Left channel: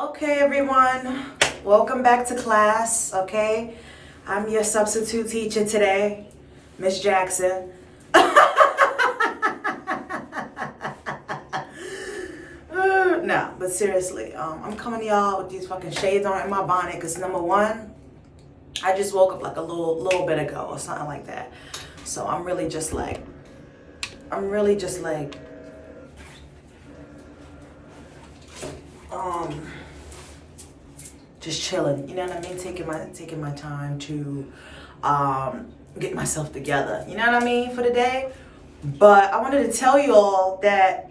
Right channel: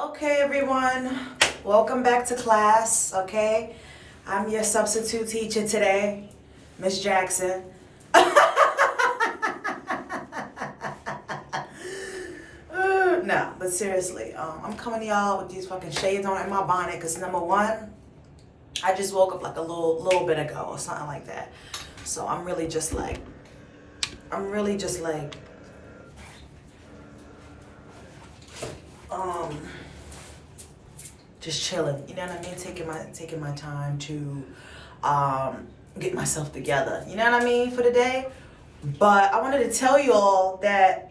Okay, everyone, welcome back to class, okay? I'm your substitute teacher today, Miss Jackson. No, but seriously, I'm coming to y'all with these fucking shades on in my bonnet because number one, I just woke up like a little bit ago or something like that. So I'm really just like, just chilling, you know what I mean? Taking my time to get myself together, you know what I mean, for the day. But I wanted to tell y'all that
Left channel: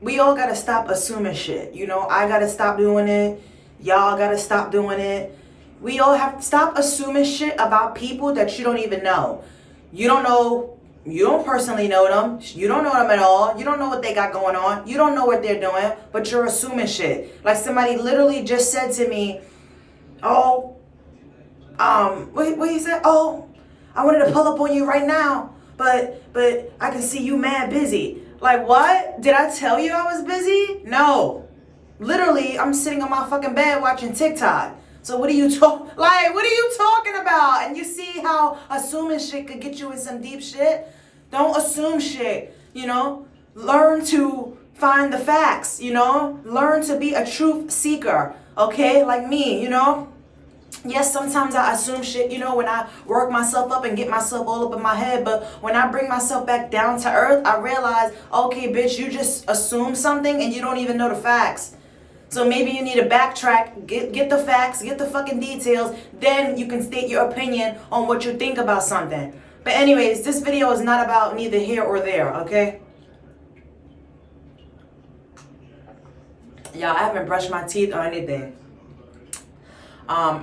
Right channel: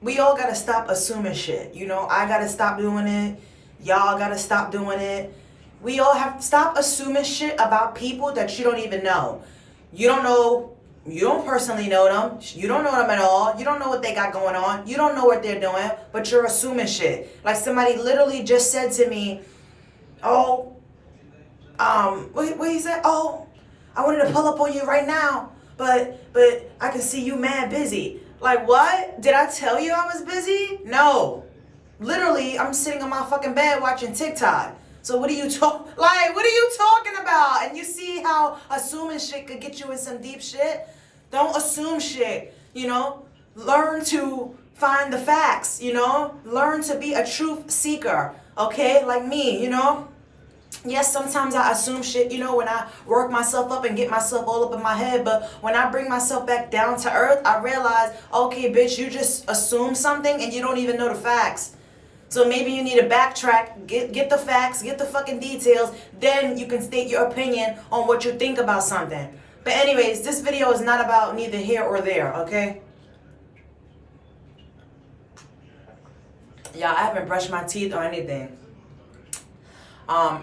we all gotta stop assuming shit. You know, I gotta stop doing it. Y'all gotta stop doing it. We all have to stop assuming shit about people that you don't even know. You don't personally know them. You don't know them at all. You don't know what they got going on. You don't know what they're doing, but you're assuming shit. Like somebody literally just said to me, what he said? Oh, I wanted to pull up on you right now, but I can see you mad busy. Like what? Did I tell you I was busy? No. Literally, I'm sitting on my fucking bed watching TikTok. So what are you talking about? And you see how assuming shit could get you in some deep shit? Don't assume shit, you know? Learn to find the facts, you know? Learn to be a truth seeker, okay? Like me, you know? Yes, sometimes I assume shit, you know, when I work myself up and get myself all up in my head. But when I bring myself back down to earth, I realize, okay, bitch, you just assume something and you don't even know the facts. So maybe you need to backtrack, get the facts, get the fucking details. Then you can state your opinion on what you think about something. But anyways, this video is not about neither here or there, okay? Y'all, I haven't brushed my teeth or anything. I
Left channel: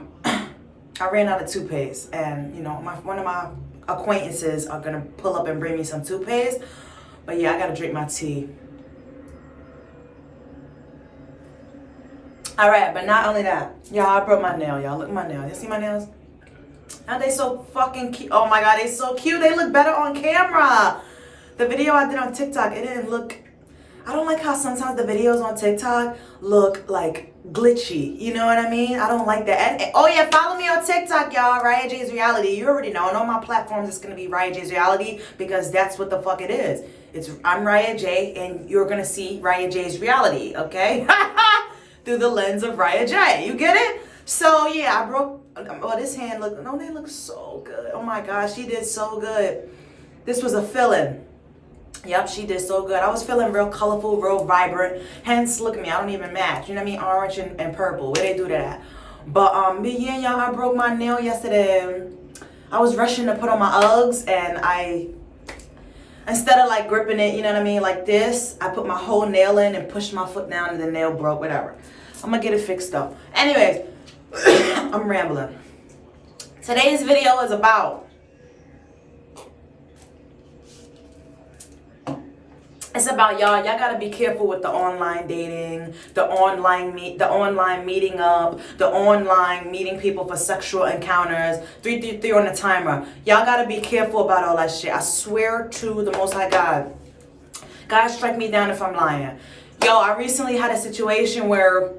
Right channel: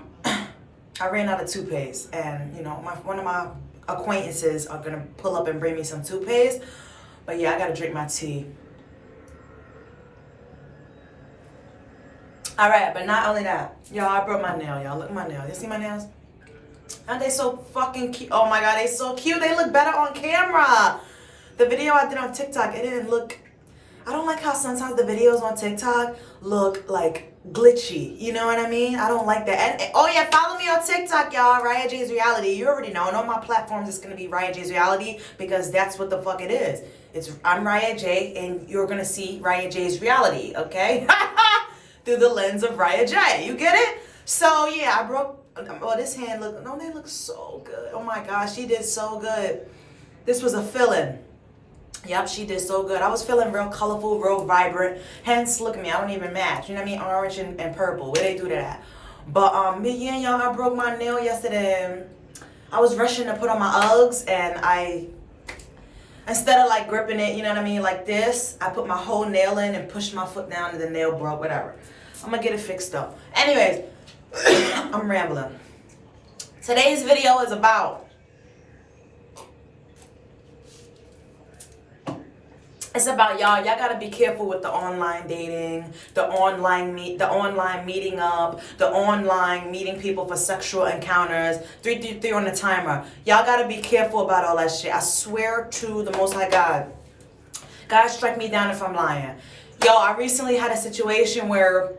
ran out of toothpaste, and you know, one of my acquaintances are gonna pull up and bring me some toothpaste. But yeah, I gotta drink my tea. All right, but not only that, y'all, I broke my nail. Y'all, look at my nail. You see my nails? Aren't they so fucking cute? Oh my god, they so cute. They look better on camera. The video I did on TikTok, it didn't look. I don't like how sometimes the videos on TikTok look like glitchy. You know what I mean? I don't like that. And oh yeah, follow me on TikTok, y'all. RIAHJ's Reality. You already know. And on my platforms, it's gonna be RIAHJ's Reality because that's what the fuck it is. I'm RIAHJ, and you're gonna see RIAHJ's Reality. Okay? Through the lens of RIAHJ. You get it? So yeah, I broke. Well, this hand look. No, they look so good. Oh my gosh, she did so good. This was a fill-in. Yep, she did so good. I was feeling real colorful, real vibrant. Hence, look at me. I don't even match. You know what I mean? Orange and purple. Where they do that? But yeah, y'all, I broke my nail yesterday. I was rushing to put on my Uggs, and instead of like gripping it, you know what I mean, like this, I put my whole nail in and pushed my foot down, and the nail broke. Whatever. I'm gonna get it fixed up. Anyways, I'm rambling. Today's video is about. It's about y'all gotta be careful with the online dating, the online meeting up, the online meeting people for sexual encounters, 333 on the timer. Y'all gotta be careful about all that shit. I swear to the Most High God. God, strike me down if I'm lying. Yo, I recently had a situation where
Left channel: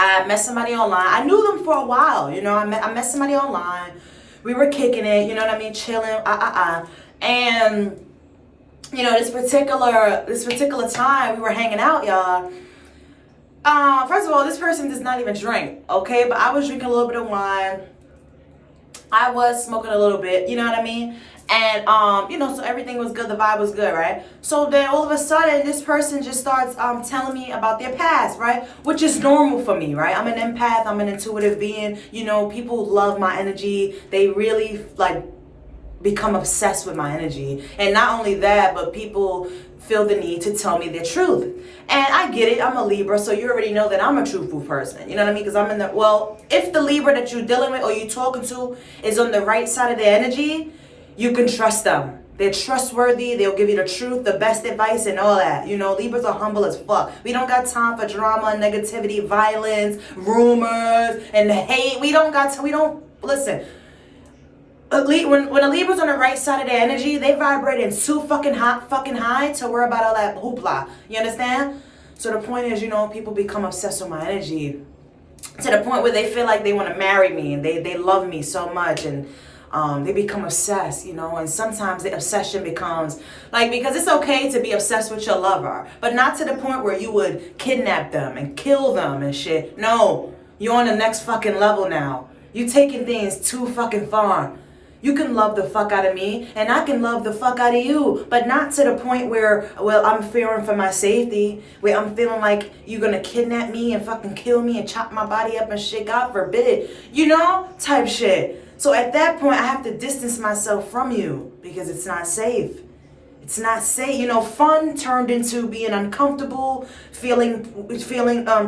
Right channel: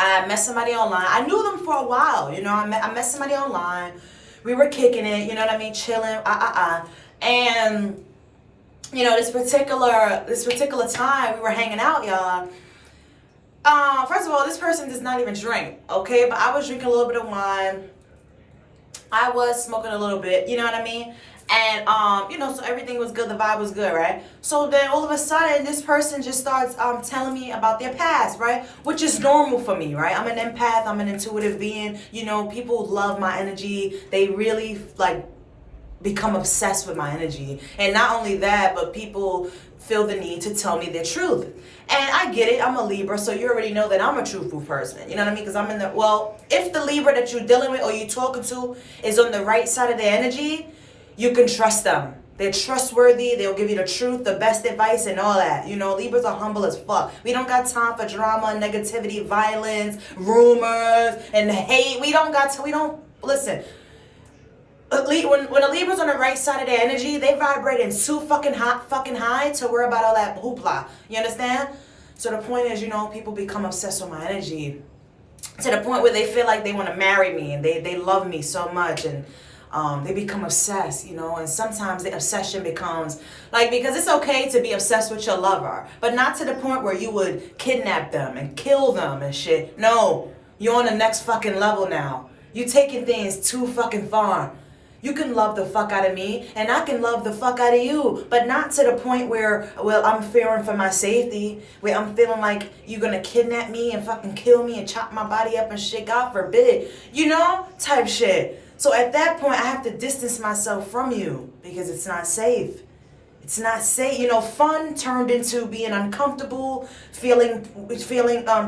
I met somebody online. I knew them for a while, you know. I met somebody online. We were kicking it, you know what I mean, chilling, and you know, this particular time we were hanging out, y'all. First of all, this person does not even drink, okay? But I was drinking a little bit of wine. I was smoking a little bit, you know what I mean? And, you know, so everything was good. The vibe was good, right? So then all of a sudden, this person just starts telling me about their past, right? Which is normal for me, right? I'm an empath. I'm an intuitive being. You know, people love my energy. They really, like, become obsessed with my energy. And not only that, but people feel the need to tell me their truth. And I get it. I'm a Libra, so you already know that I'm a truthful person. You know what I mean? Because I'm in the, well, if the Libra that you're dealing with or you're talking to is on the right side of the energy, you can trust them. They're trustworthy. They'll give you the truth, the best advice, and all that. You know, Libras are humble as fuck. We don't got time for drama, negativity, violence, rumors, and hate. We don't, listen. When a Libra's on the right side of their energy, they vibrate in too fucking high to worry about all that hoopla. You understand? So the point is, people become obsessed with my energy to the point where they feel like they want to marry me and they love me so much, and they become obsessed, and sometimes the obsession becomes like, because it's okay to be obsessed with your lover, but not to the point where you would kidnap them and kill them and shit. No, you're on the next fucking level now. You taking things too fucking far. You can love the fuck out of me and I can love the fuck out of you, but not to the point where, well, I'm fearing for my safety, where I'm feeling like you're gonna kidnap me and fucking kill me and chop my body up and shit, God forbid, type shit. So at that point, I have to distance myself from you because it's not safe. It's not safe. Fun turned into being uncomfortable, feeling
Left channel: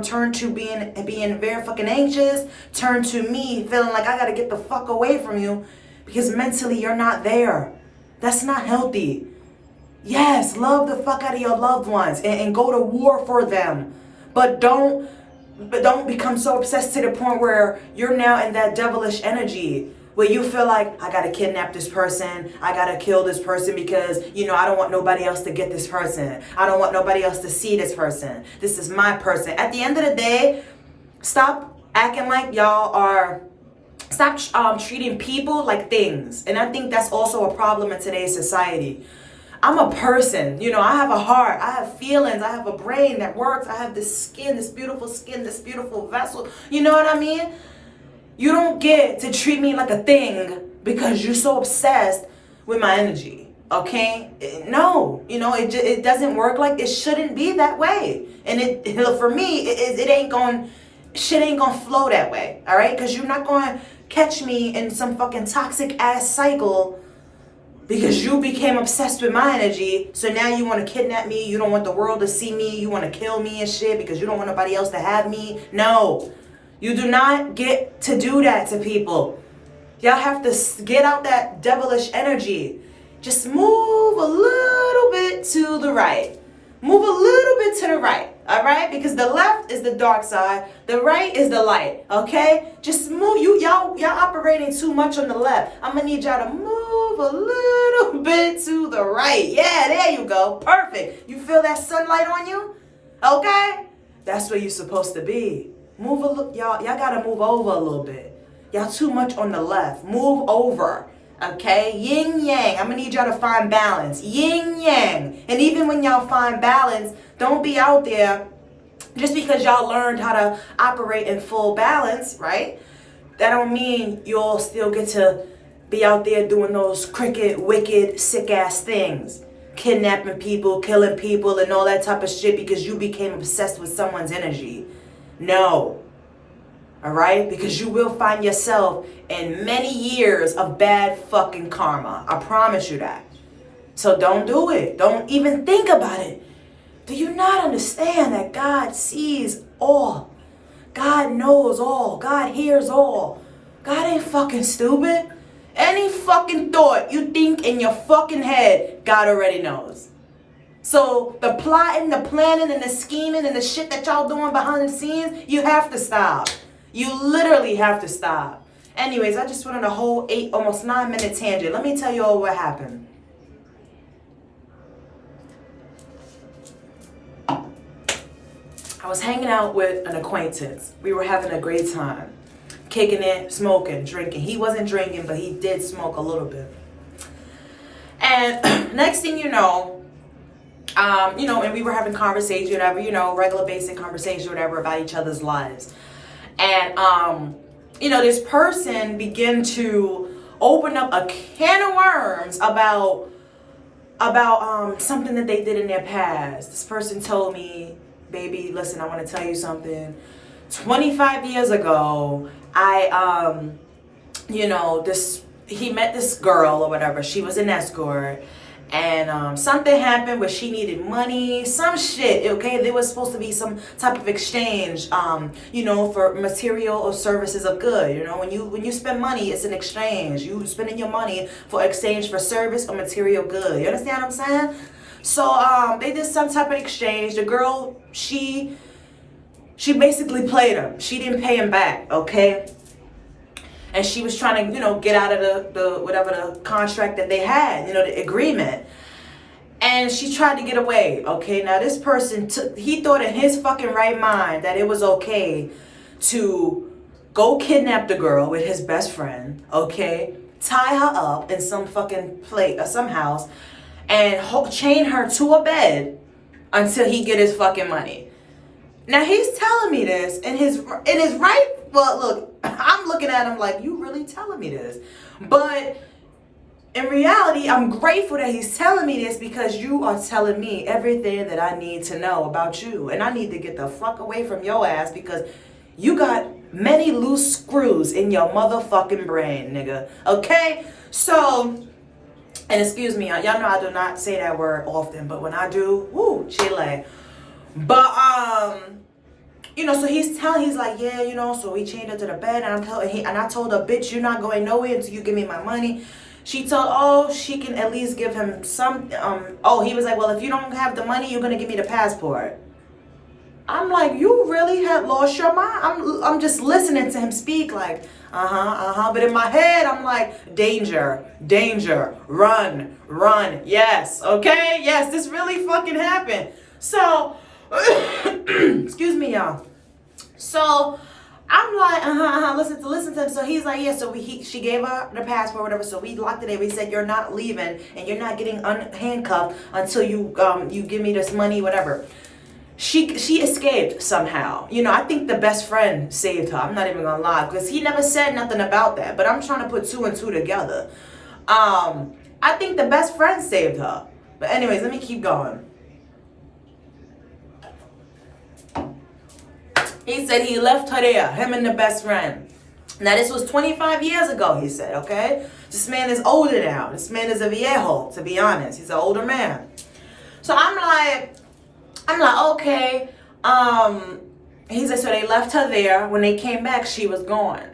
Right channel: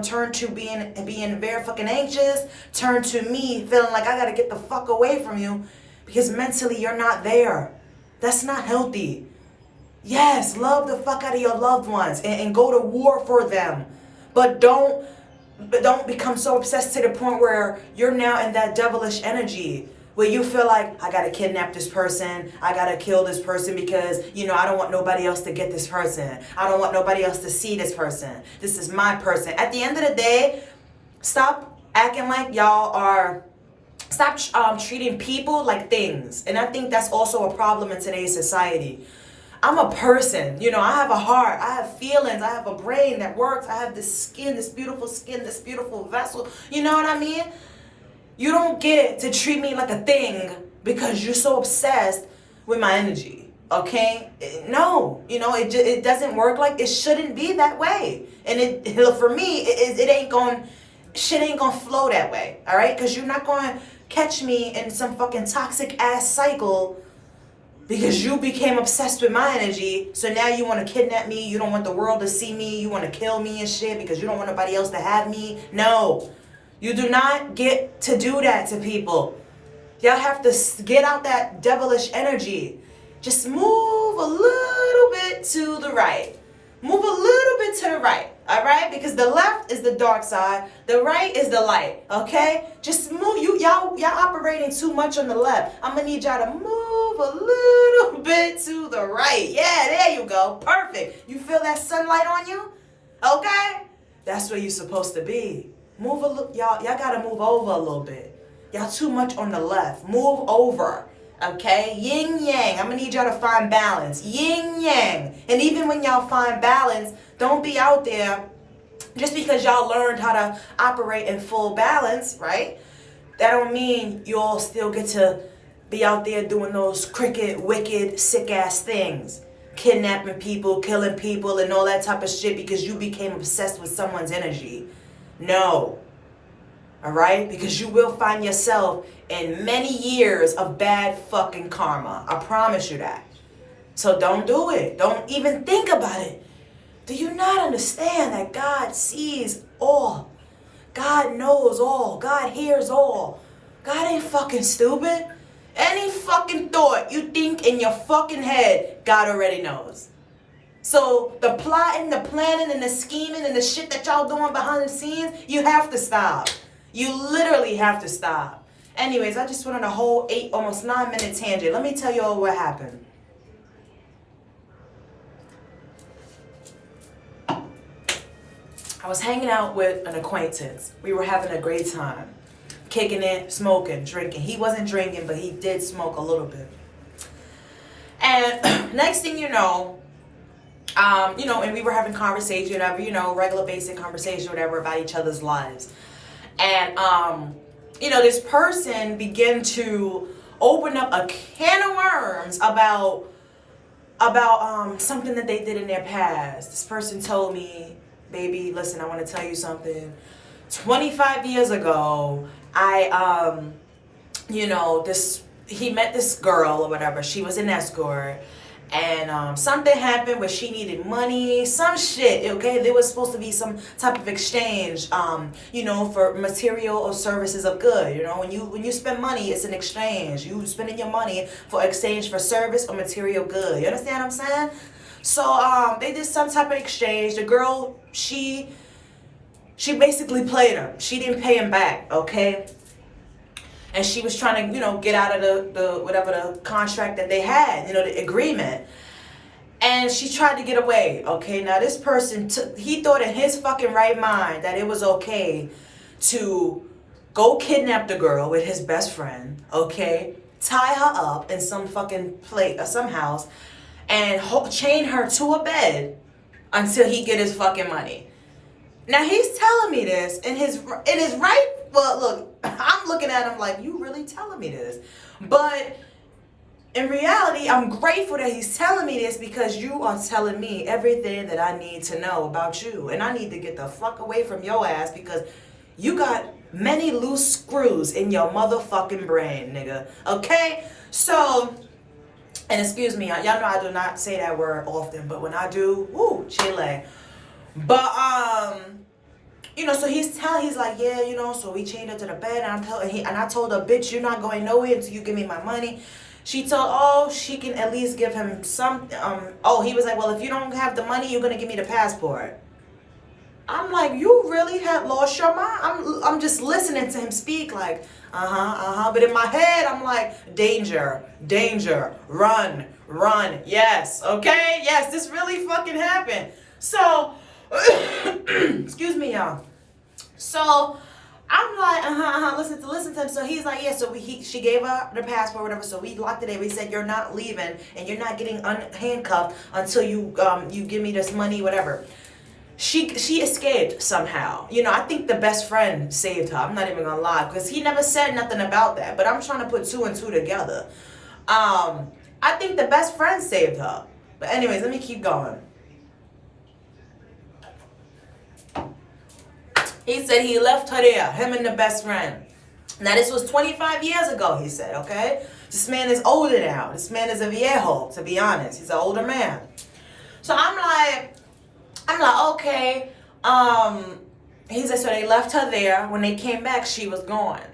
turned to being very fucking anxious, turned to me feeling like I gotta get the fuck away from you because mentally you're not there. That's not healthy. Yes, love the fuck out of your loved ones and go to war for them. But don't become so obsessed to the point where you're now in that devilish energy where you feel like, I gotta kidnap this person, I gotta kill this person because, I don't want nobody else to get this person. I don't want nobody else to see this person. This is my person. At the end of the day, stop acting like y'all are, stop treating people like things. And I think that's also a problem in today's society. I'm a person, I have a heart, I have feelings, I have a brain that works, I have this skin, this beautiful vessel. You know what I mean? You don't get to treat me like a thing because you're so obsessed with my energy, okay? No, it doesn't work like, it shouldn't be that way. And for me, shit ain't gonna flow that way, all right? Because you're not gonna catch me in some fucking toxic ass cycle because you became obsessed with my energy. So now you want to kidnap me. You don't want the world to see me. You want to kill me and shit because you don't want nobody else to have me. No, you do not get to do that to people. Y'all have to get out that devilish energy. Just move a little bit to the right. Move a little bit to the right, all right? Because the left is the dark side, the right is the light, okay? Just move. Y'all operating too much on the left. I'm gonna need y'all to move a little bit to the right. Yeah, there you go. Perfect. You feel that sunlight on you? Okay? That's where you're supposed to be. Move a little, y'all gotta move over a little bit. Y'all too much on the left. Move over. Okay, yin yang. I'm gonna need y'all to find balance. Yin yang. And even when y'all find balance, don't be out there just because y'all learned how to operate in full balance, right? That don't mean you'll still get to be out there doing those crooked, wicked, sick ass things. Kidnapping people, killing people, and all that type of shit because you became obsessed with someone's energy. No. All right? Because you will find yourself in many years of bad fucking karma. I promise you that. So don't do it. Don't even think about it. Do you not understand that God sees all? God knows all. God hears all. God ain't fucking stupid. Any fucking thought you think in your fucking head, God already knows. So the plotting, the planning, and the scheming, and the shit that y'all doing behind the scenes, you have to stop. You literally have to stop. Anyways, I just went on a whole almost 9-minute tangent. Let me tell you all what happened. I was hanging out with an acquaintance. We were having a great time. Kicking it, smoking, drinking. He wasn't drinking, but he did smoke a little bit. And next thing you know, and we were having conversation, whatever, regular basic conversation, whatever, about each other's lives. And, this person began to open up a can of worms about something that they did in their past. This person told me, baby, listen, I want to tell you something. 25 years ago, he met this girl or whatever. She was an escort. And something happened where she needed money, some shit, okay? There was supposed to be some type of exchange, for material or services of good. When you spend money, it's an exchange. You spending your money for exchange for service or material good. You understand what I'm saying? So they did some type of exchange. The girl, she basically played him. She didn't pay him back, okay? And she was trying to, get out of the whatever the contract that they had, the agreement. And she tried to get away. Okay, now this person he thought in his fucking right mind that it was okay to go kidnap the girl with his best friend, okay, tie her up in some fucking place or some house, and chain her to a bed until he get his fucking money. Now he's telling me this in his right. Well, look, I'm looking at him like, you really telling me this? But in reality, I'm grateful that he's telling me this, because you are telling me everything that I need to know about you, and I need to get the fuck away from your ass, because you got many loose screws in your motherfucking brain, nigga. Okay? So, and excuse me, y'all know I do not say that word often, but when I do, woo, Chile. But, you know, so he's like, yeah, you know, so we chained her to the bed, and I told her, bitch, you're not going nowhere until you give me my money. She told, she can at least give him some, he was like, well, if you don't have the money, you're going to give me the passport. I'm like, you really had lost your mind? I'm just listening to him speak like, But in my head, I'm like, danger, run, yes, okay? Yes, this really fucking happened. So, excuse me, y'all. So, I'm like, listen to him. So he's like, yeah, so she gave her the passport, whatever. So we locked it in. We said, you're not leaving and you're not getting handcuffed until you give me this money, whatever. She escaped somehow. You know, I think the best friend saved her. I'm not even gonna lie, because he never said nothing about that. But I'm trying to put two and two together. I think the best friend saved her. But anyways, let me keep going. He said he left her there, him and the best friend. Now, this was 25 years ago, he said, okay? This man is older now. This man is a viejo, to be honest. He's an older man. So I'm like, okay. He said, so they left her there. When they came back, she was gone.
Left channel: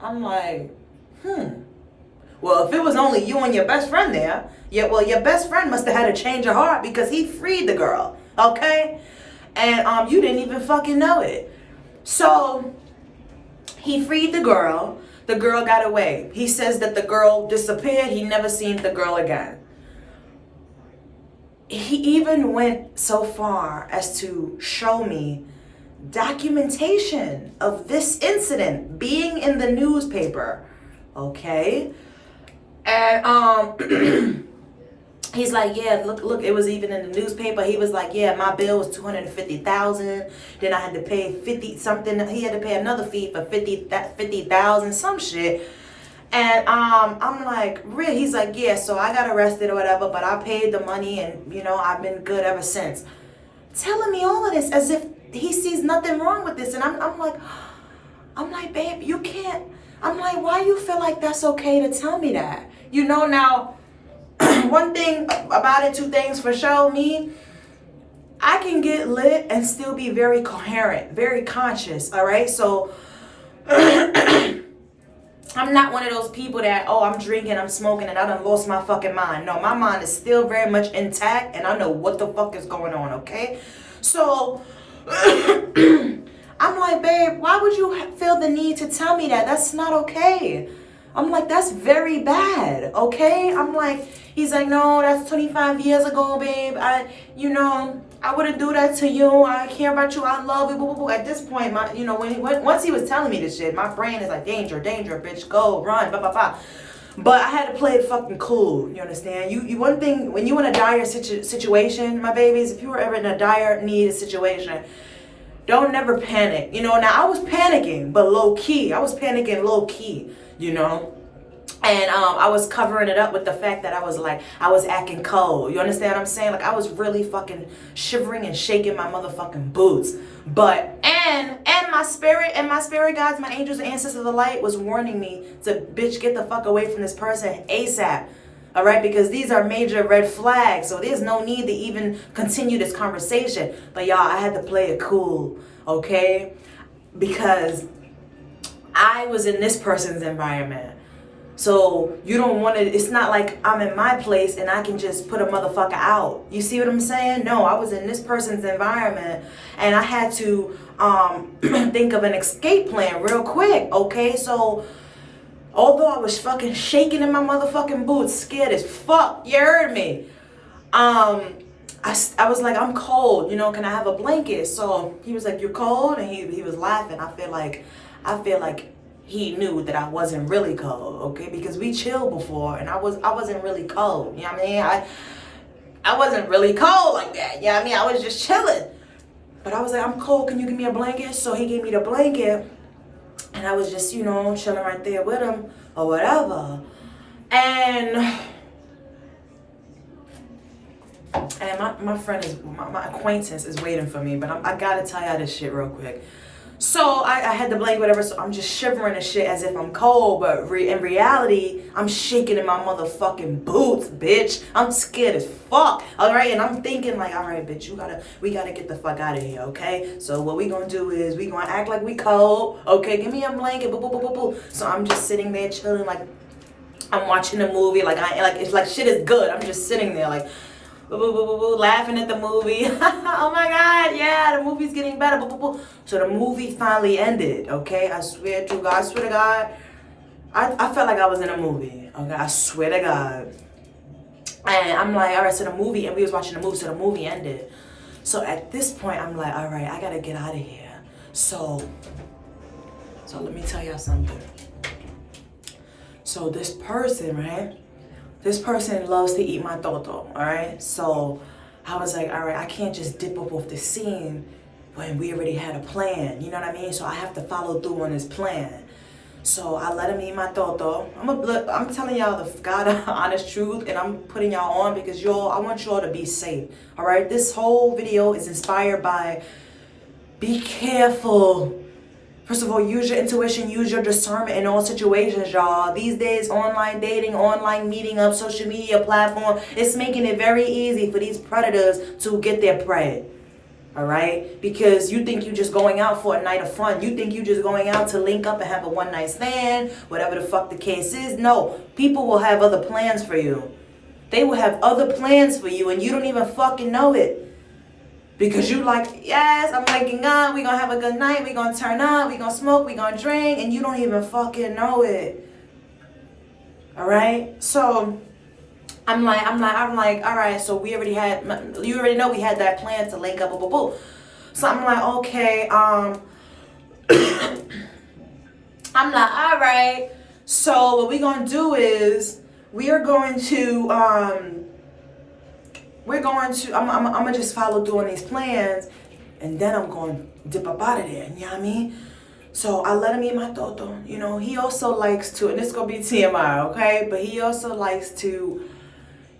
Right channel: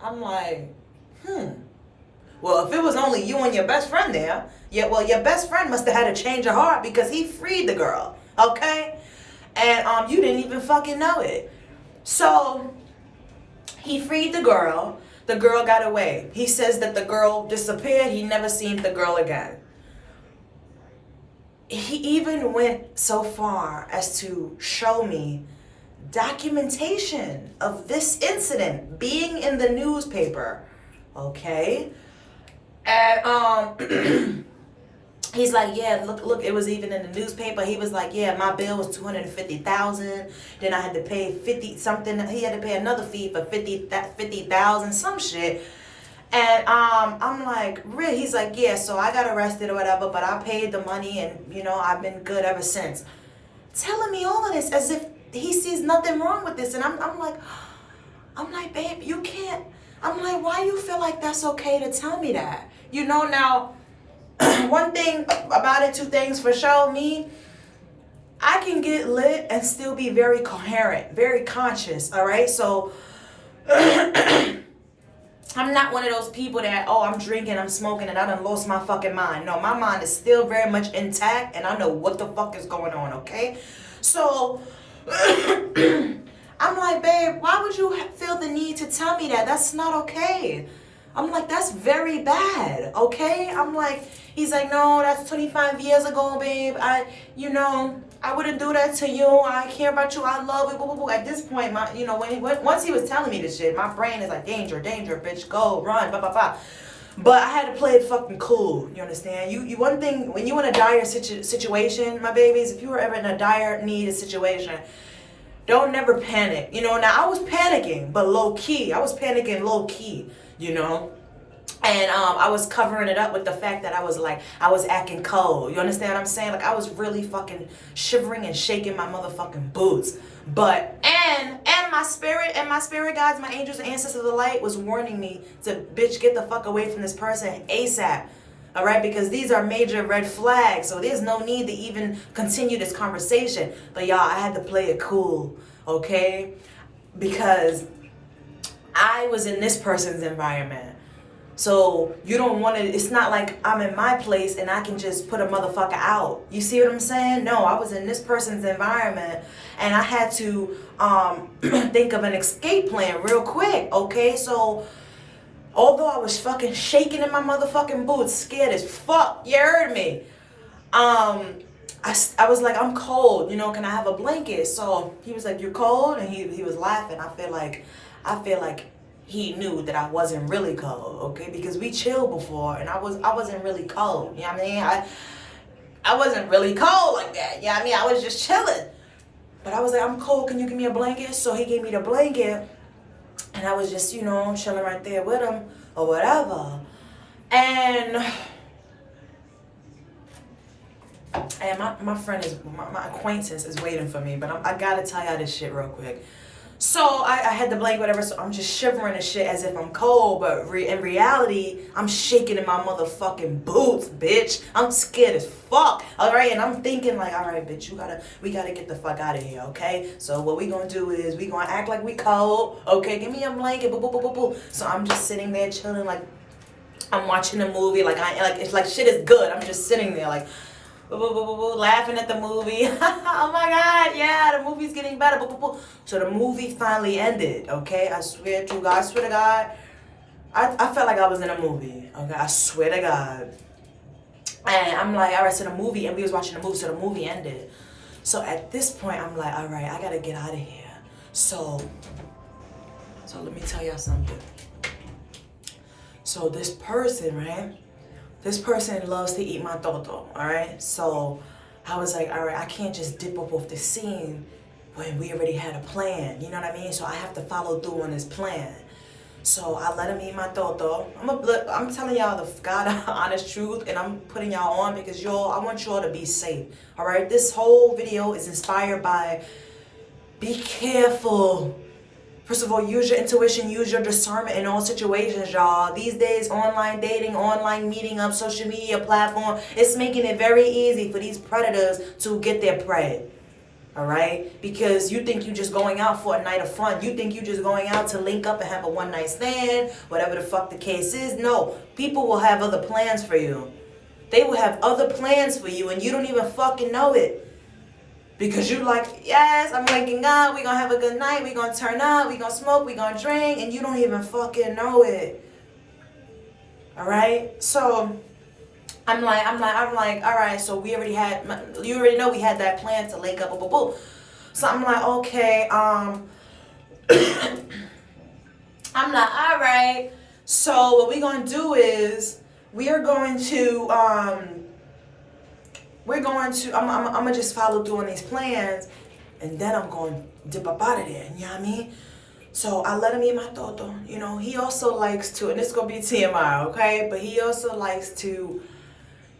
I'm like, Well, if it was only you and your best friend there, your best friend must have had a change of heart, because he freed the girl, okay? And you didn't even fucking know it. So he freed the girl. The girl got away. He says that the girl disappeared. He never seen the girl again. He even went so far as to show me documentation of this incident being in the newspaper. Okay? And he's like, yeah, look, it was even in the newspaper. He was like, yeah, my bill was $250,000. Then I had to pay 50 something. He had to pay another fee for 50,000, some shit. And I'm like, really? He's like, yeah, so I got arrested or whatever, but I paid the money, and you know, I've been good ever since. Telling me all of this as if he sees nothing wrong with this. And I'm like, babe, you can't. I'm like, why you feel like that's okay to tell me that? You know, now, one thing about it, two things for sure, me, I can get lit and still be very coherent, very conscious, all right? So, I'm not one of those people that, I'm drinking, I'm smoking, and I done lost my fucking mind. No, my mind is still very much intact, and I know what the fuck is going on, okay? So, I'm like, babe, why would you feel the need to tell me that? That's not okay. I'm like, that's very bad, okay? I'm like, he's like, no, that's 25 years ago, babe. I wouldn't do that to you. I care about you. I love you. Boo, boo, boo. At this point, once he was telling me this shit, my brain is like, danger, bitch, go, run, blah, blah, blah. But I had to play it fucking cool. You understand? You one thing, when you in a dire situation, my babies, if you were ever in a dire need situation, don't never panic. You know, now I was panicking, but low key. I was panicking low key, you know. And I was covering it up with the fact that I was acting cold. You understand what I'm saying? Like, I was really fucking shivering and shaking my motherfucking boots. But, and my spirit guides, my angels and ancestors of the light was warning me to, bitch, get the fuck away from this person ASAP. All right? Because these are major red flags. So there's no need to even continue this conversation. But y'all, I had to play it cool. Okay? Because I was in this person's environment. So you don't want to, it's not like I'm in my place and I can just put a motherfucker out. You see what I'm saying? No, I was in this person's environment and I had to think of an escape plan real quick, okay? So although I was fucking shaking in my motherfucking boots, scared as fuck, you heard me, I was like, I'm cold, you know, can I have a blanket? So he was like, you're cold? And he was laughing. I feel like he knew that I wasn't really cold, okay? Because we chilled before and I wasn't really cold. You know what I mean? I wasn't really cold like that. You know what I mean? I was just chilling. But I was like, I'm cold, can you give me a blanket? So he gave me the blanket and I was just, you know, chilling right there with him or whatever. And my friend is, my acquaintance is waiting for me, but I gotta tell y'all this shit real quick. So I had the blanket, whatever, so I'm just shivering and shit as if I'm cold, but in reality, I'm shaking in my motherfucking boots, bitch. I'm scared as fuck, all right? And I'm thinking like, all right, bitch, we gotta get the fuck out of here, okay? So what we gonna do is we gonna act like we cold, okay? Give me a blanket, boo, boo, boo, boo, boo. So I'm just sitting there chilling like I'm watching a movie, like it's like shit is good. I'm just sitting there like, boo, boo, boo, boo, boo, laughing at the movie. Oh my God, yeah, the movie's getting better. Boo, boo, boo. So the movie finally ended, okay? I swear to God, I felt like I was in a movie, okay? I swear to God. And I'm like, all right, so the movie, and we was watching the movie, so the movie ended. So at this point, I'm like, all right, I gotta get out of here. So let me tell y'all something. So this person, right? This person loves to eat my toto, all right? So I was like, all right, I can't just dip up off the scene when we already had a plan, you know what I mean? So I have to follow through on this plan. So I let him eat my toto. I'm telling y'all the God honest truth, and I'm putting y'all on because I want y'all to be safe, all right? This whole video is inspired by be careful. First of all, use your intuition, use your discernment in all situations, y'all. These days, online dating, online meeting up, social media platform, it's making it very easy for these predators to get their prey. All right? Because you think you're just going out for a night of fun. You think you're just going out to link up and have a one-night stand, whatever the fuck the case is. No, people will have other plans for you. They will have other plans for you, and you don't even fucking know it. Because you like, yes, I'm waking up, we gonna have a good night, we gonna turn up, we gonna smoke, we gonna drink, and you don't even fucking know it. All right? So I'm like, all right, so you already know we had that plan to link up, boo, boo, boo. So I'm like, okay, I'm like, all right, so what we gonna do is I'm gonna just follow through on these plans, and then I'm going to dip up out of there, you know what I mean? So I let him eat my toto, you know. He also likes to, and this is going to be TMI, okay? But he also likes to,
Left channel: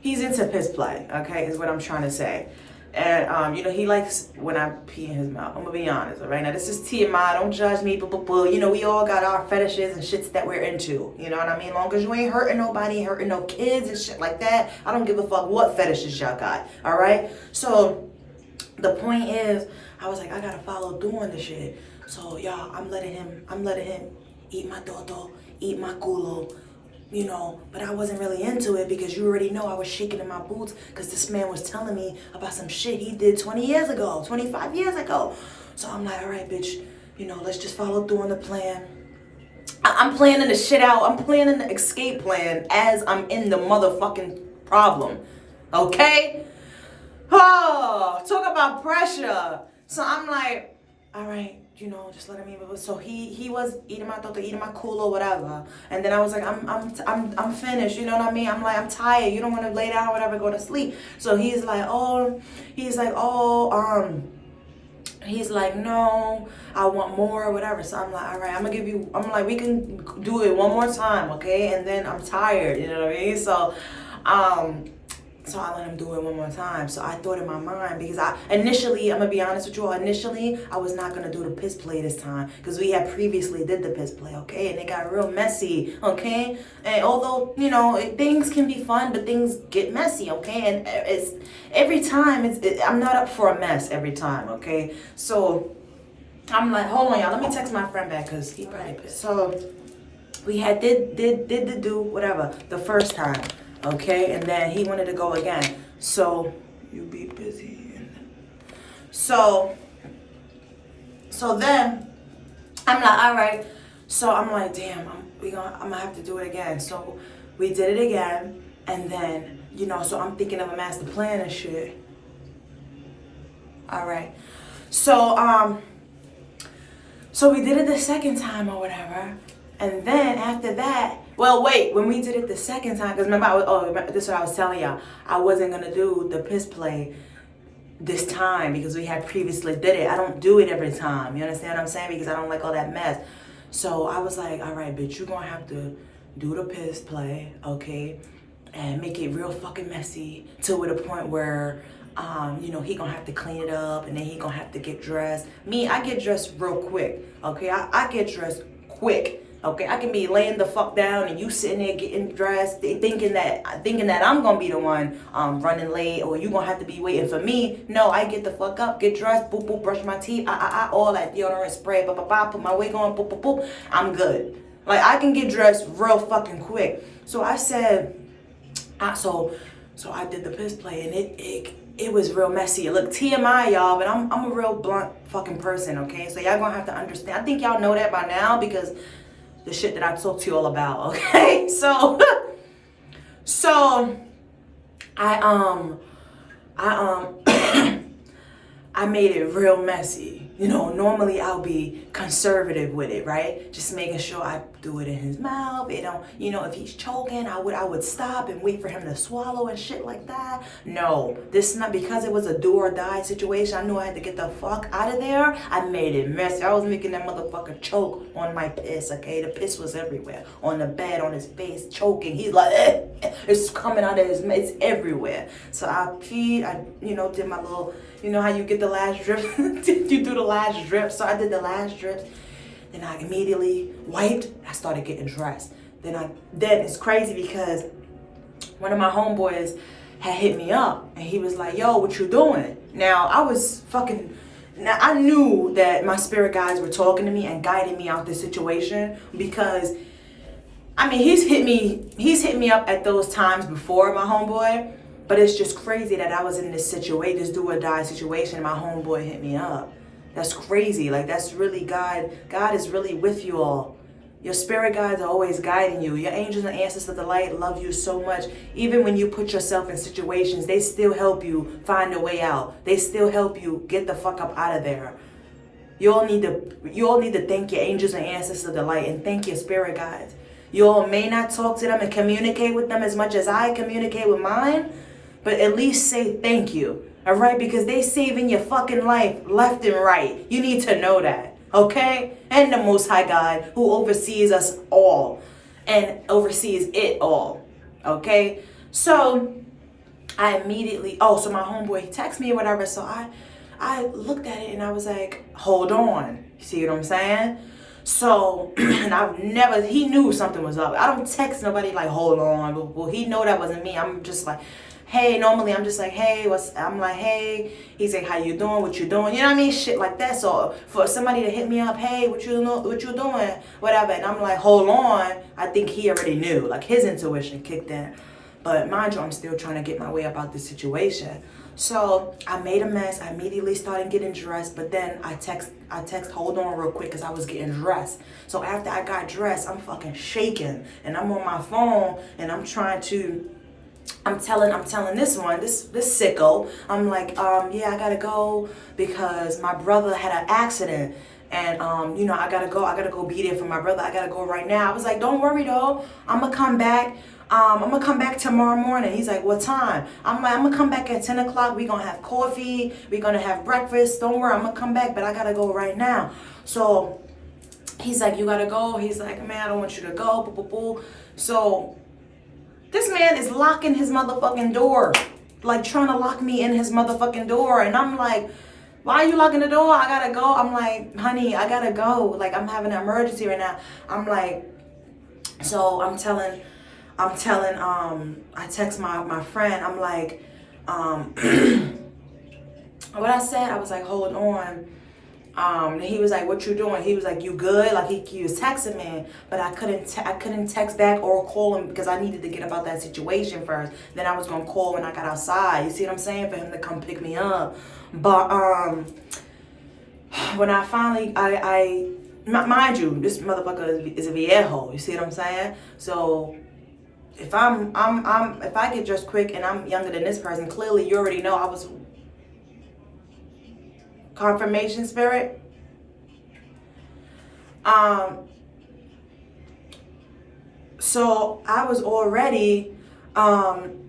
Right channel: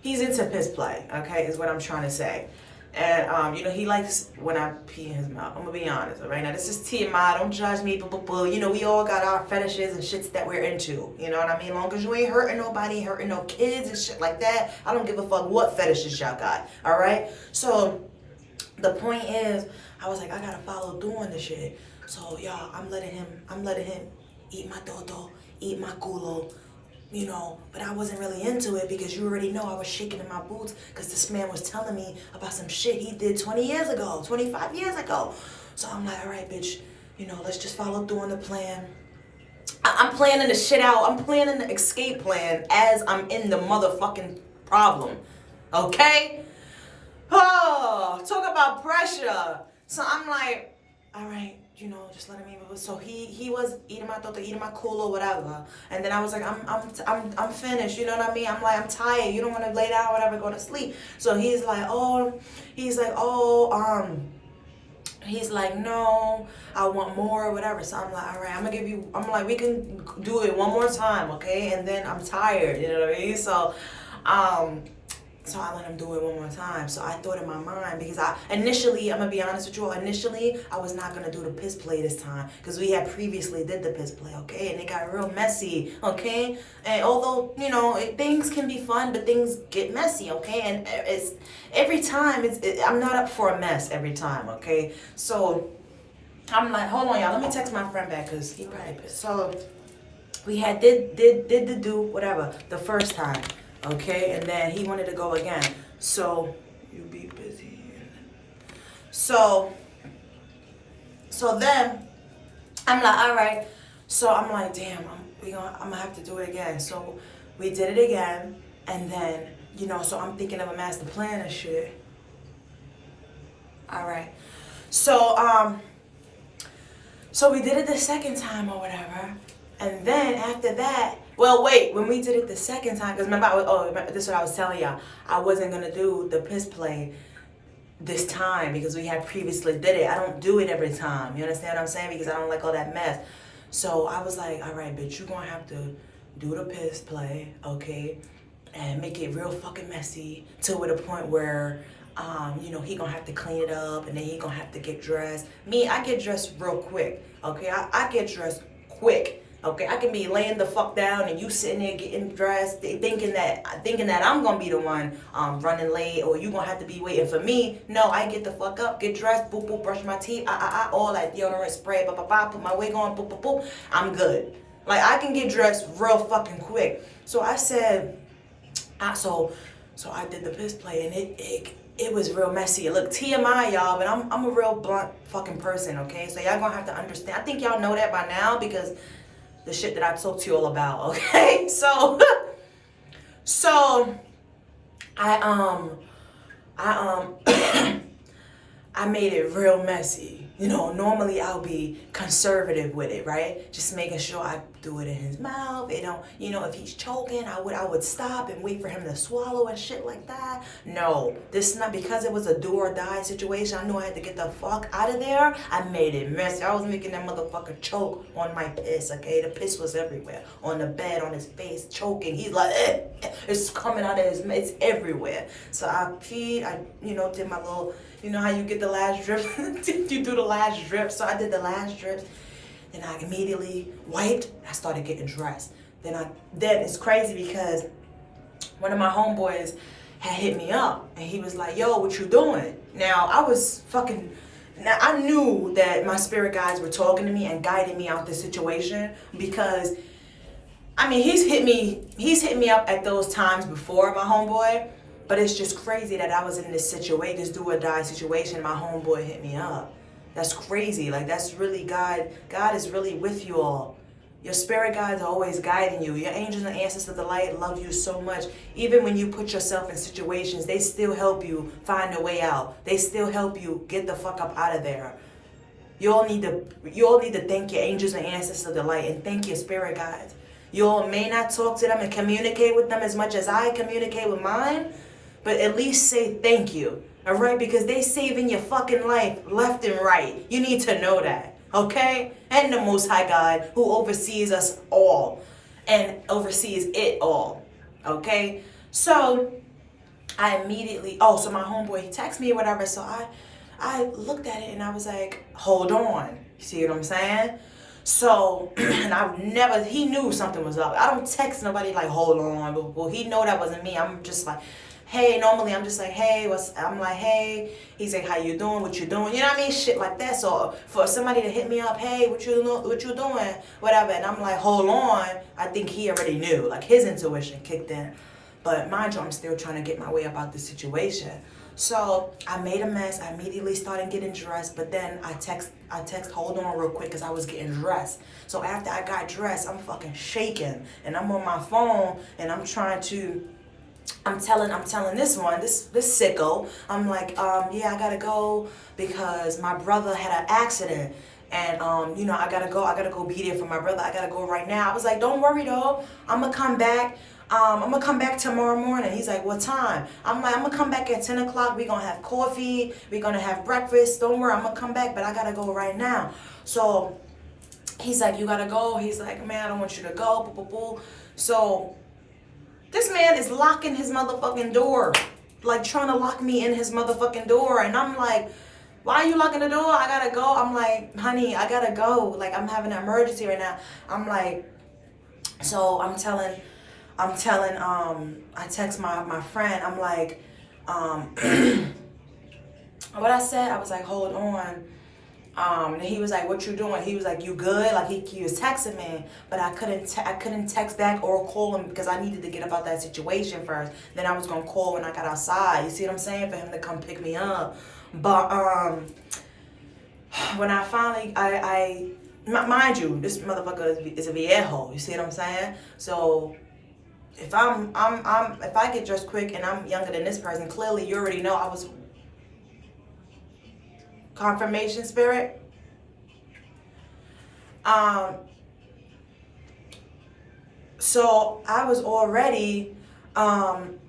he's into piss play, okay, is what I'm trying to say. And, you know, he likes when I pee in his mouth. I'm going to be honest, all right? Now, this is TMI. Don't judge me, you know, we all got our fetishes and shits that we're into. You know what I mean? Long as you ain't hurting nobody, hurting no kids and shit like that, I don't give a fuck what fetishes y'all got, all right? So the point is, I was like, I got to follow through on this shit. So, y'all, I'm letting him eat my toto, eat my culo, you know, but I wasn't really into it because you already know I was shaking in my boots because this man was telling me about some shit he did 20 years ago, 25 years ago. So I'm like, all right, bitch, you know, let's just follow through on the plan. I'm planning the shit out. I'm planning the escape plan as I'm in the motherfucking problem, okay? Oh, talk about pressure. So I'm like, all right, you know, just let him eat. So he was eating my toto, eating my culo, whatever. And then I was like, I'm finished. You know what I mean? I'm like, I'm tired. You don't want to lay down, whatever, go to sleep. So he's like, no, I want more, whatever. So I'm like, all right, I'm like, we can do it one more time, okay? And then I'm tired. You know what I mean? So I let him do it one more time. So I thought in my mind, because initially, I'm going to be honest with you all, initially, I was not going to do the piss play this time. Because we had previously did the piss play, okay? And it got real messy, okay? And although, you know, things can be fun, but things get messy, okay? And it's every time, I'm not up for a mess every time, okay? So I'm like, hold on, y'all. Let me text my friend back because he probably pissed. So we had did the do whatever the first time. Okay, and then he wanted to go again. So you be busy. So then I'm like, all right. So I'm like, damn, I'm gonna have to do it again. So we did it again, and then you know, so I'm thinking of a master plan and shit. All right. So, so we did it the second time or whatever. And then after that, well, wait, when we did it the second time, because remember, this is what I was telling y'all. I wasn't going to do the piss play this time because we had previously did it. I don't do it every time. You understand what I'm saying? Because I don't like all that mess. So I was like, all right, bitch, you're going to have to do the piss play, okay? And make it real fucking messy to the point where, you know, he gonna have to clean it up and then he gonna have to get dressed. Me, I get dressed real quick, okay? I get dressed quick, okay? I can be laying the fuck down and you sitting there getting dressed, thinking that I'm gonna be the one running late, or you gonna have to be waiting for me. No, I get the fuck up, get dressed, boop boop, brush my teeth, all that deodorant spray, put my wig on, boop boop boop. I'm good. Like, I can get dressed real fucking quick. So I said, so I did the piss play and it was real messy. Look, TMI, y'all, but I'm a real blunt fucking person, okay? So y'all gonna have to understand. I think y'all know that by now because the shit that I talked to you all about, okay? So, I I made it real messy. You know, normally I'll be conservative with it, right? Just making sure I do it in his mouth. It don't, you know, if he's choking, I would stop and wait for him to swallow and shit like that. No, this is not, because it was a do or die situation. I knew I had to get the fuck out of there. I made it messy. I was making that motherfucker choke on my piss, okay? The piss was everywhere. On the bed, on his face, choking. He's like, it's coming out of his mouth. It's everywhere. So I you know, did my little, you know how you get the last drip? You do the last drip. So I did the last drip. Then I immediately wiped. I started getting dressed. Then it's crazy because one of my homeboys had hit me up. And he was like, yo, what you doing? Now, I knew that my spirit guides were talking to me and guiding me out this situation because, I mean, he's hit me up at those times before, my homeboy. But it's just crazy that I was in this situation, this do or die situation, and my homeboy hit me up. That's crazy. Like, that's really God. God is really with you all. Your spirit guides are always guiding you. Your angels and ancestors of the light love you so much. Even when you put yourself in situations, they still help you find a way out. They still help you get the fuck up out of there. You all need to thank your angels and ancestors of the light and thank your spirit guides. You all may not talk to them and communicate with them as much as I communicate with mine, but at least say thank you, all right? Because they saving your fucking life left and right. You need to know that, okay? And the Most High God who oversees us all and oversees it all, okay? So I immediately, so my homeboy, he texted me or whatever, so I looked at it and I was like, hold on. You see what I'm saying? So, and he knew something was up. I don't text nobody like, hold on. Well, he know that wasn't me. I'm just like, hey, normally I'm just like, hey, I'm like, hey. He's like, how you doing? What you doing? You know what I mean? Shit like that. So for somebody to hit me up, hey, what you doing? Whatever. And I'm like, hold on. I think he already knew. Like, his intuition kicked in. But mind you, I'm still trying to get my way about this situation. So I made a mess. I immediately started getting dressed. But then I text, hold on real quick, because I was getting dressed. So after I got dressed, I'm fucking shaking. And I'm on my phone and I'm telling this sicko, I'm like, yeah, I gotta go because my brother had an accident. And, you know, I gotta go be there for my brother. I gotta go right now. I was like, don't worry though. I'm gonna come back. I'm gonna come back tomorrow morning. He's like, what time? I'm like, I'm gonna come back at 10 o'clock. We're gonna have coffee. We're gonna have breakfast. Don't worry, I'm gonna come back, but I gotta go right now. So he's like, you gotta go. He's like, man, I don't want you to go. Boo, boo, boo. So this man is locking his motherfucking door. Like, trying to lock me in his motherfucking door. And I'm like, why are you locking the door? I gotta go. I'm like, honey, I gotta go. Like, I'm having an emergency right now. I'm like, so I text my friend. I'm like, what I said, I was like, hold on. And he was like, what you doing? He was like, you good? Like, he was texting me, but I couldn't text back or call him because I needed to get about that situation first. Then I was gonna call when I got outside. You see what I'm saying? For him to come pick me up. But when I finally, mind you, this motherfucker is a viejo. You see what I'm saying? So if if I get dressed quick and I'm younger than this person, clearly you already know I was confirmation spirit. So I was already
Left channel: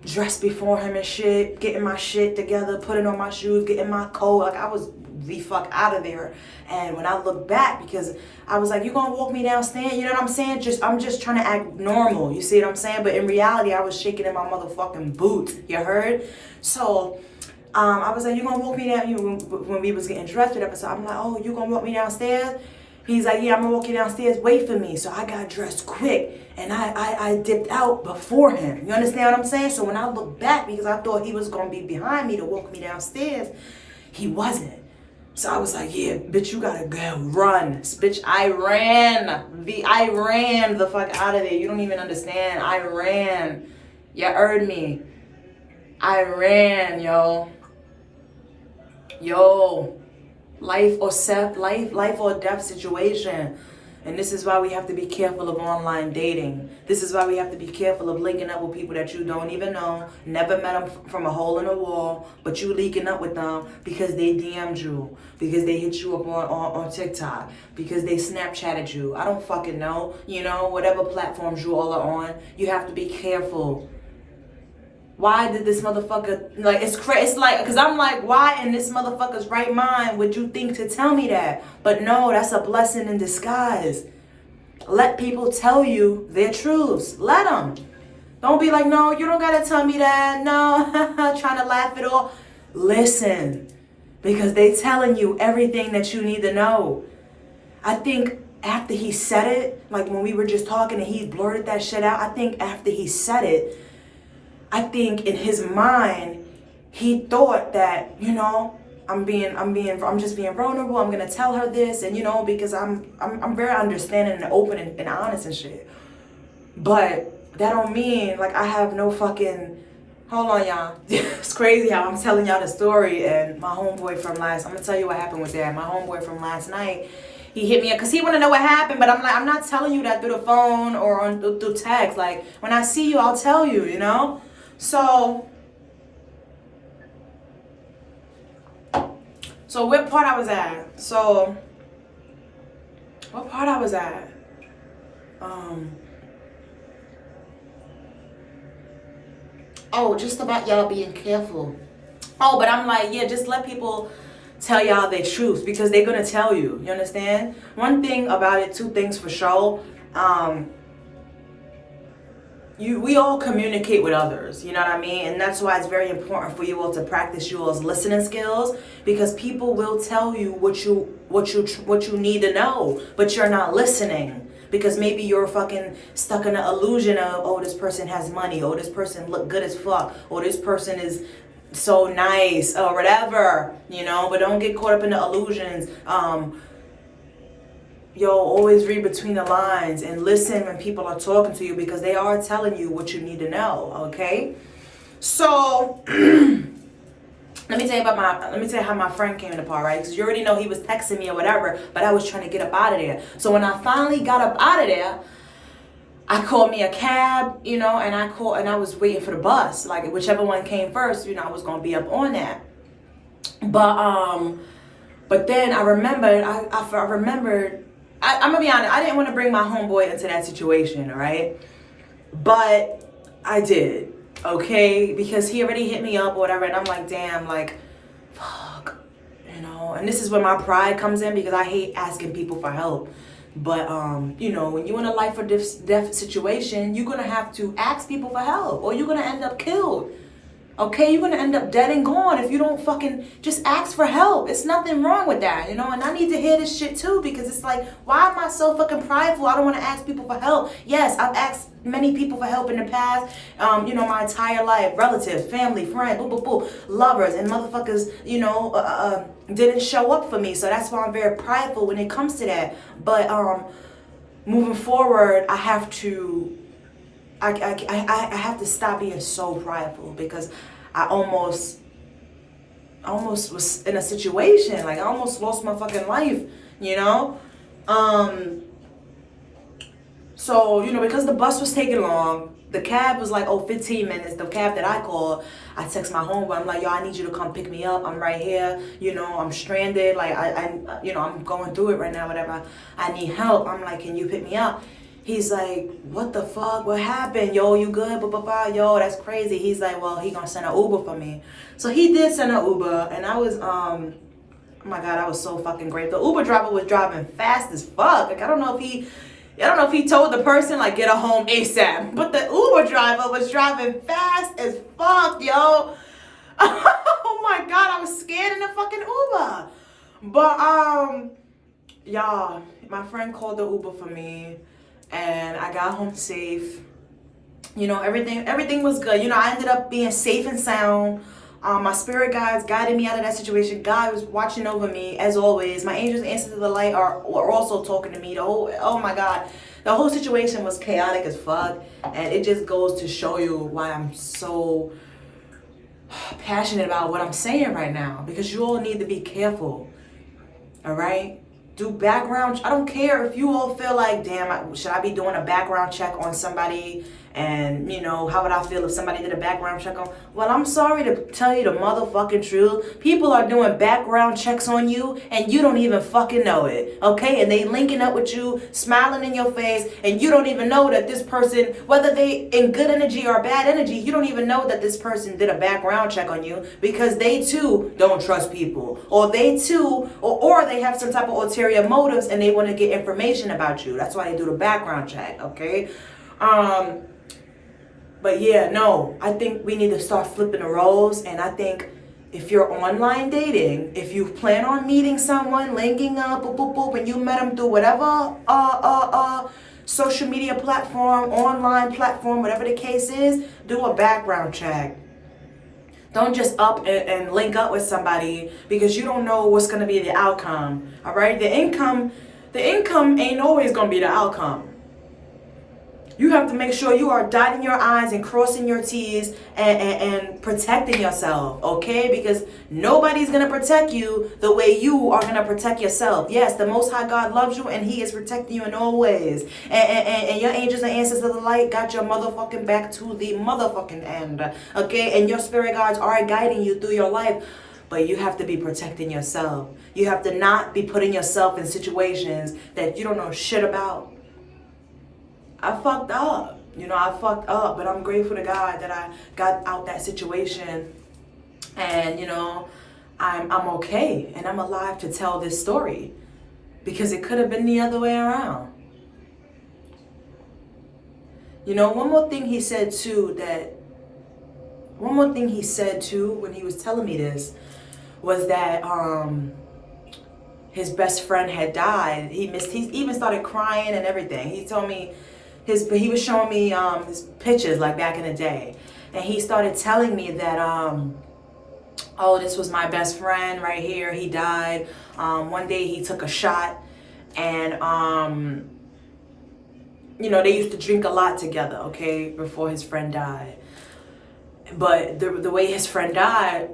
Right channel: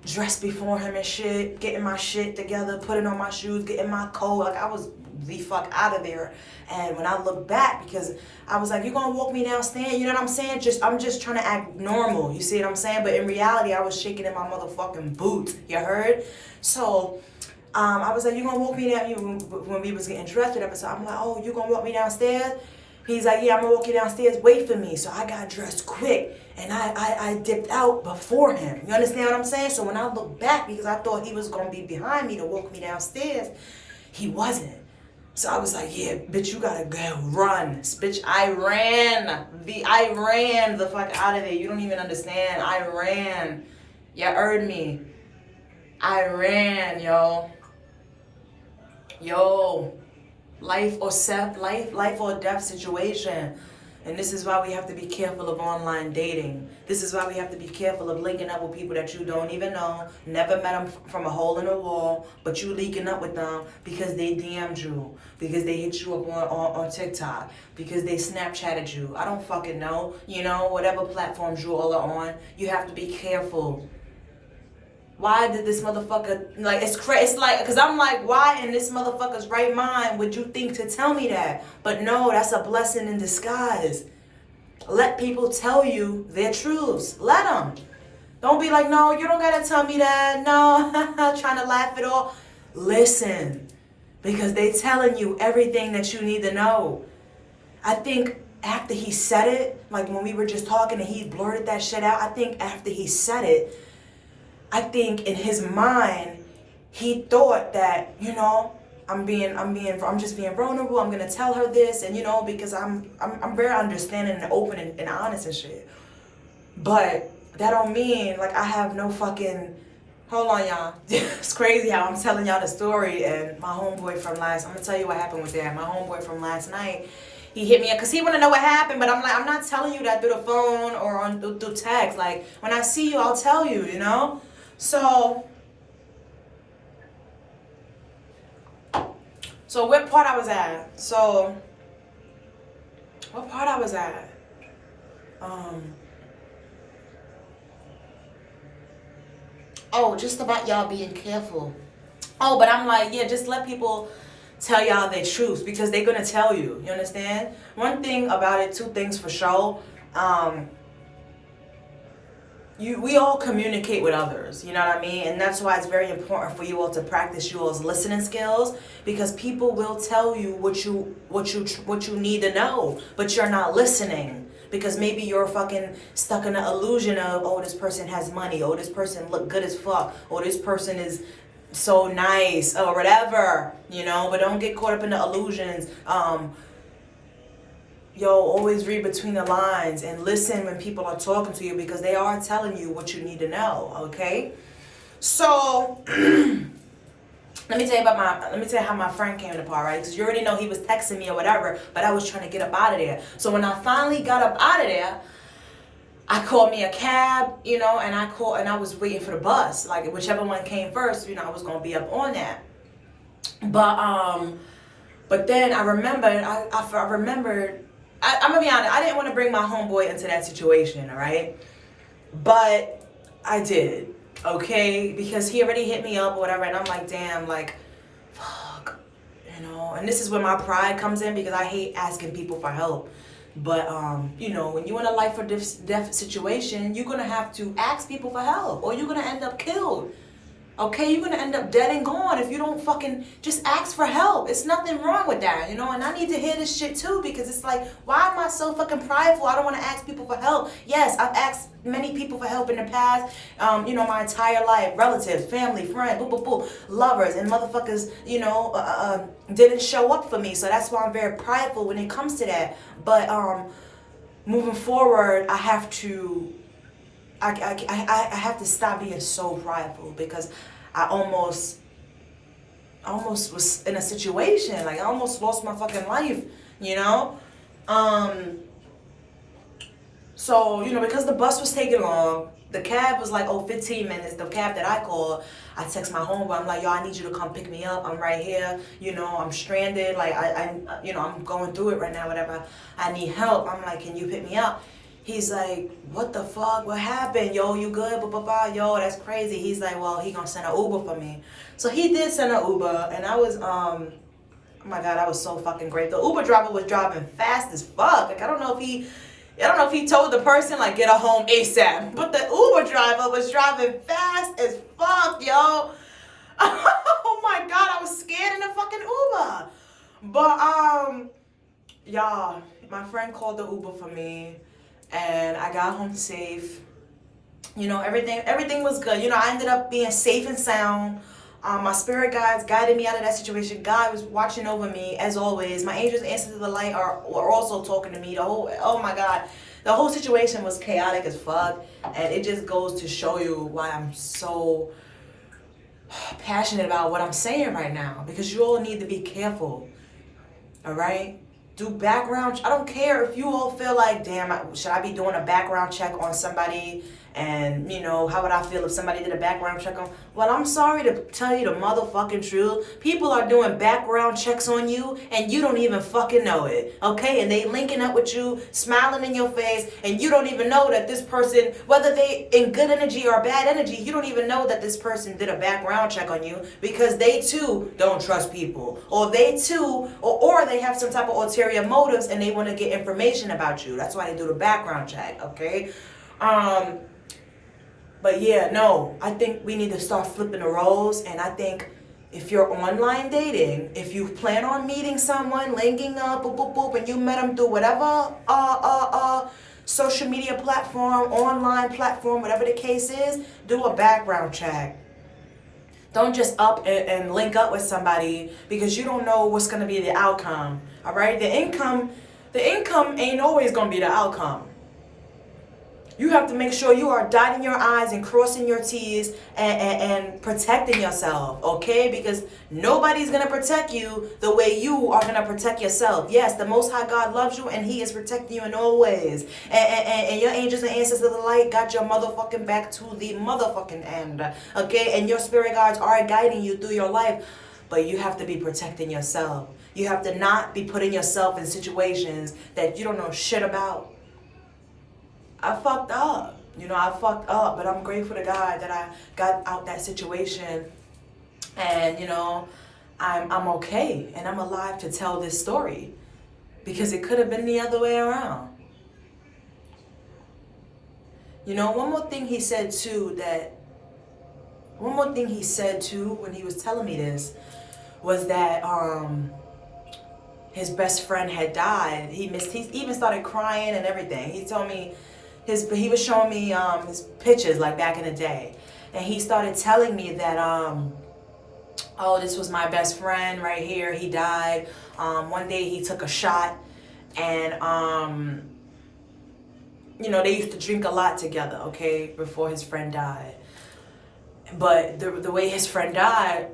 dressed before him and shit, getting my shit together, putting on my shoes, getting my coat. Like, I was the fuck out of there. And when I look back, because I was like, you gonna walk me downstairs? You know what I'm saying? I'm just trying to act normal. You see what I'm saying? But in reality, I was shaking in my motherfucking boots. You heard? So I was like, you gonna walk me down? When we was getting dressed, whatever. So I'm like, oh, you gonna walk me downstairs? He's like, yeah, I'm gonna walk you downstairs. Wait for me. So I got dressed quick and I dipped out before him. You understand what I'm saying? So when I look back, because I thought he was gonna be behind me to walk me downstairs, he wasn't. So I was like, yeah, bitch, you gotta go run. Bitch, I ran the fuck out of there. You don't even understand. I ran. You heard me. I ran, yo. Life or death situation. And this is why we have to be careful of online dating. This is why we have to be careful of linking up with people that you don't even know, never met them from a hole in the wall, but you linking up with them because they DM'd you, because they hit you up on TikTok, because they Snapchatted you. I don't fucking know. You know, whatever platforms you all are on, you have to be careful. Why did this motherfucker, like, it's like, because I'm like, why in this motherfucker's right mind would you think to tell me that? But no, that's a blessing in disguise. Let people tell you their truths. Let them. Don't be like, no, you don't got to tell me that. No, trying to laugh it off. Listen, because they telling you everything that you need to know. I think after he said it, like when we were just talking and he blurted that shit out, I think after he said it, I think in his mind, he thought that, you know, I'm just being vulnerable. I'm gonna tell her this, and you know, because I'm very understanding and open and honest and shit. But that don't mean like I have no fucking. Hold on, y'all. It's crazy how I'm telling y'all the story, and my homeboy from I'm gonna tell you what happened with that. My homeboy from last night, he hit me up because he want to know what happened, but I'm like, I'm not telling you that through the phone or through text. Like, when I see you, I'll tell you, you know? So what part I was at? What part I was at? Oh, just about y'all being careful. Oh, but I'm like, yeah, just let people tell y'all their truth because they're gonna tell you. You understand? One thing about it, two things for sure. We all communicate with others, you know what I mean? And that's why it's very important for you all to practice your listening skills, because people will tell you what you need to know, but you're not listening because maybe you're fucking stuck in the illusion of, oh, this person has money, oh, this person look good as fuck, oh, this person is so nice or whatever, you know. But don't get caught up in the illusions. Always read between the lines and listen when people are talking to you because they are telling you what you need to know, okay? So, let me tell you how my friend came in the part, right? Because you already know he was texting me or whatever, but I was trying to get up out of there. So when I finally got up out of there, I called me a cab, you know, and I was waiting for the bus. Like, whichever one came first, you know, I was going to be up on that. But then I remembered, I'm gonna be honest, I didn't want to bring my homeboy into that situation, all right? But I did, okay? Because he already hit me up or whatever, and I'm like, damn, like, fuck, you know? And this is where my pride comes in because I hate asking people for help. But, you know, when you're in a life or death situation, you're gonna have to ask people for help or you're gonna end up killed. Okay, you're gonna end up dead and gone if you don't fucking just ask for help. It's nothing wrong with that, you know? And I need to hear this shit too because it's like, why am I so fucking prideful? I don't wanna ask people for help. Yes, I've asked many people for help in the past, you know, my entire life. Relatives, family, friends, lovers, and motherfuckers, you know, didn't show up for me. So that's why I'm very prideful when it comes to that. But moving forward, I have to stop being so prideful because I almost was in a situation, like I almost lost my fucking life, you know? So, you know, because the bus was taking long, The cab was like, 15 minutes. The cab that I called, I text my homeboy. I'm like, yo, I need you to come pick me up. I'm right here. You know, I'm stranded. Like, I'm going through it right now, whatever. I need help. I'm like, can you pick me up? He's like, what the fuck? What happened? Yo, you good? Blah, blah, blah. Yo, that's crazy. He's like, well, he gonna send an Uber for me. So he did send an Uber, and I was, oh my God, I was so fucking great. The Uber driver was driving fast as fuck. Like, I don't know if he told the person, like, get her home ASAP. But the Uber driver was driving fast as fuck, yo. Oh my God, I was scared in the fucking Uber. But, y'all, my friend called the Uber for me, and I got home safe. You know, everything was good. You know, I ended up being safe and sound. My spirit guides guided me out of that situation. God was watching over me, as always. My angels answer to the light are also talking to me. Oh my God. The whole situation was chaotic as fuck. And it just goes to show you why I'm so passionate about what I'm saying right now. Because you all need to be careful. All right? Do background. I don't care if you all feel like, damn, should I be doing a background check on somebody? And, you know, how would I feel if somebody did a background check on? Well, I'm sorry to tell you the motherfucking truth. People are doing background checks on you, and you don't even fucking know it, okay? And they linking up with you, smiling in your face, and you don't even know that this person, whether they in good energy or bad energy, you don't even know that this person did a background check on you, because they too don't trust people, or they too, or they have some type of ulterior motives, and they want to get information about you. That's why they do the background check, okay? But yeah, no, I think we need to start flipping the roles. And I think if you're online dating, if you plan on meeting someone, linking up, boop, boop, boop, and you met them through whatever social media platform, online platform, whatever the case is, do a background check. Don't just up and link up with somebody because you don't know what's going to be the outcome. All right? The income ain't always going to be the outcome. You have to make sure you are dotting your I's and crossing your T's and protecting yourself, okay? Because nobody's going to protect you the way you are going to protect yourself. Yes, the Most High God loves you, and He is protecting you in all ways. And your angels and ancestors of the light got your motherfucking back to the motherfucking end, okay? And your spirit guides are guiding you through your life. But you have to be protecting yourself. You have to not be putting yourself in situations that you don't know shit about. I fucked up, but I'm grateful to God that I got out that situation, and I'm okay, and I'm alive to tell this story, because it could have been the other way around. One more thing he said too when he was telling me this was that his best friend had died. He even started crying and everything. He told me he was showing me his pictures like back in the day, and he started telling me that this was my best friend right here. He died. One day he took a shot, and they used to drink a lot together, okay, before his friend died. But the way his friend died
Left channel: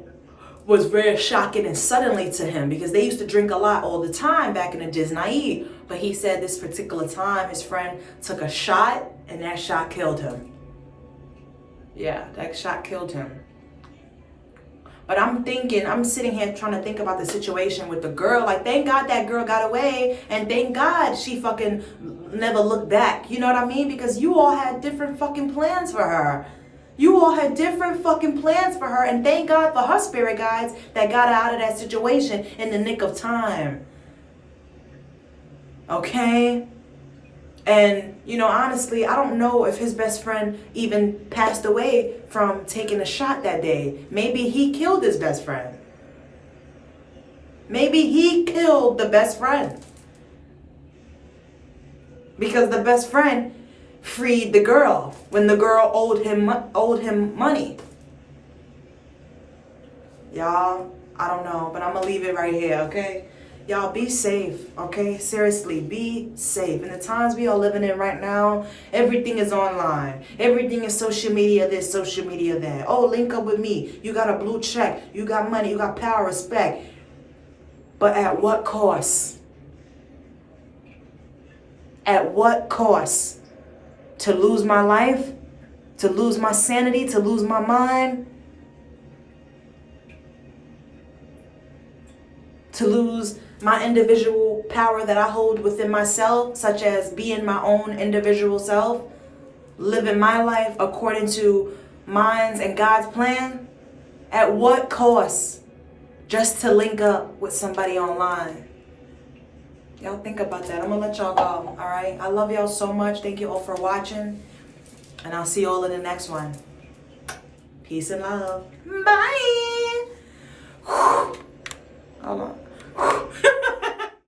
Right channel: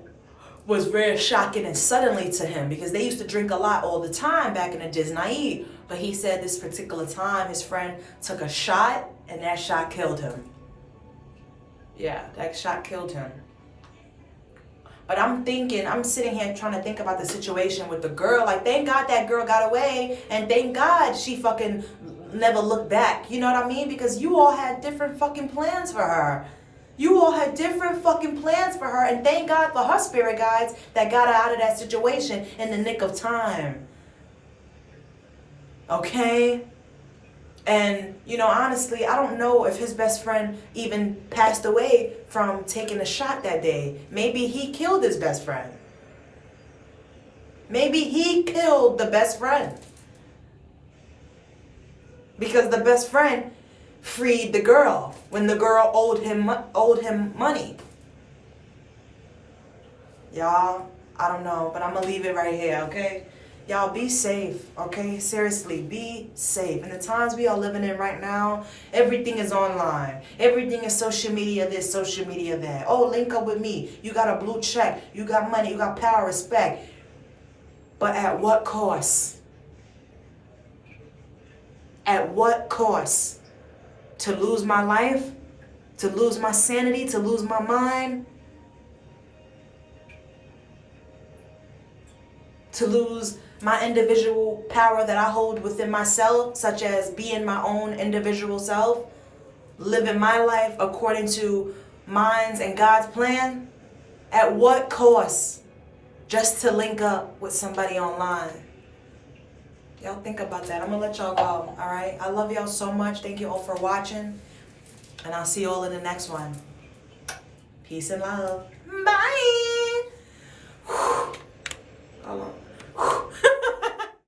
was very shocking and suddenly to him, because they used to drink a lot all the time back in the Disney. But he said this particular time his friend took a shot, and that shot killed him. Yeah, that shot killed him. But I'm sitting here trying to think about the situation with the girl. Like, thank God that girl got away, and thank God she fucking never looked back. You know what I mean? Because you all had different fucking plans for her. You all had different fucking plans for her, and thank God for her spirit guides that got her out of that situation in the nick of time. Okay? And, honestly, I don't know if his best friend even passed away from taking a shot that day. Maybe he killed his best friend. Maybe he killed the best friend. Because the best friend freed the girl when the girl owed him money. Y'all, I don't know, but I'm gonna leave it right here, okay? Y'all be safe, okay? Seriously, be safe. In the times we are living in right now, everything is online. Everything is social media this, social media that. Oh, link up with me. You got a blue check. You got money. You got power, respect. But at what cost? At what cost? To lose my life? to lose my sanity, to lose my mind, to lose my individual power that I hold within myself, such as being my own individual self, living my life according to mine's and God's plan? At what cost? Just to link up with somebody online. Y'all think about that. I'm gonna let y'all go, all right? I love y'all so much. Thank you all for watching, and I'll see you all in the next one. Peace and love. Bye. Hold on.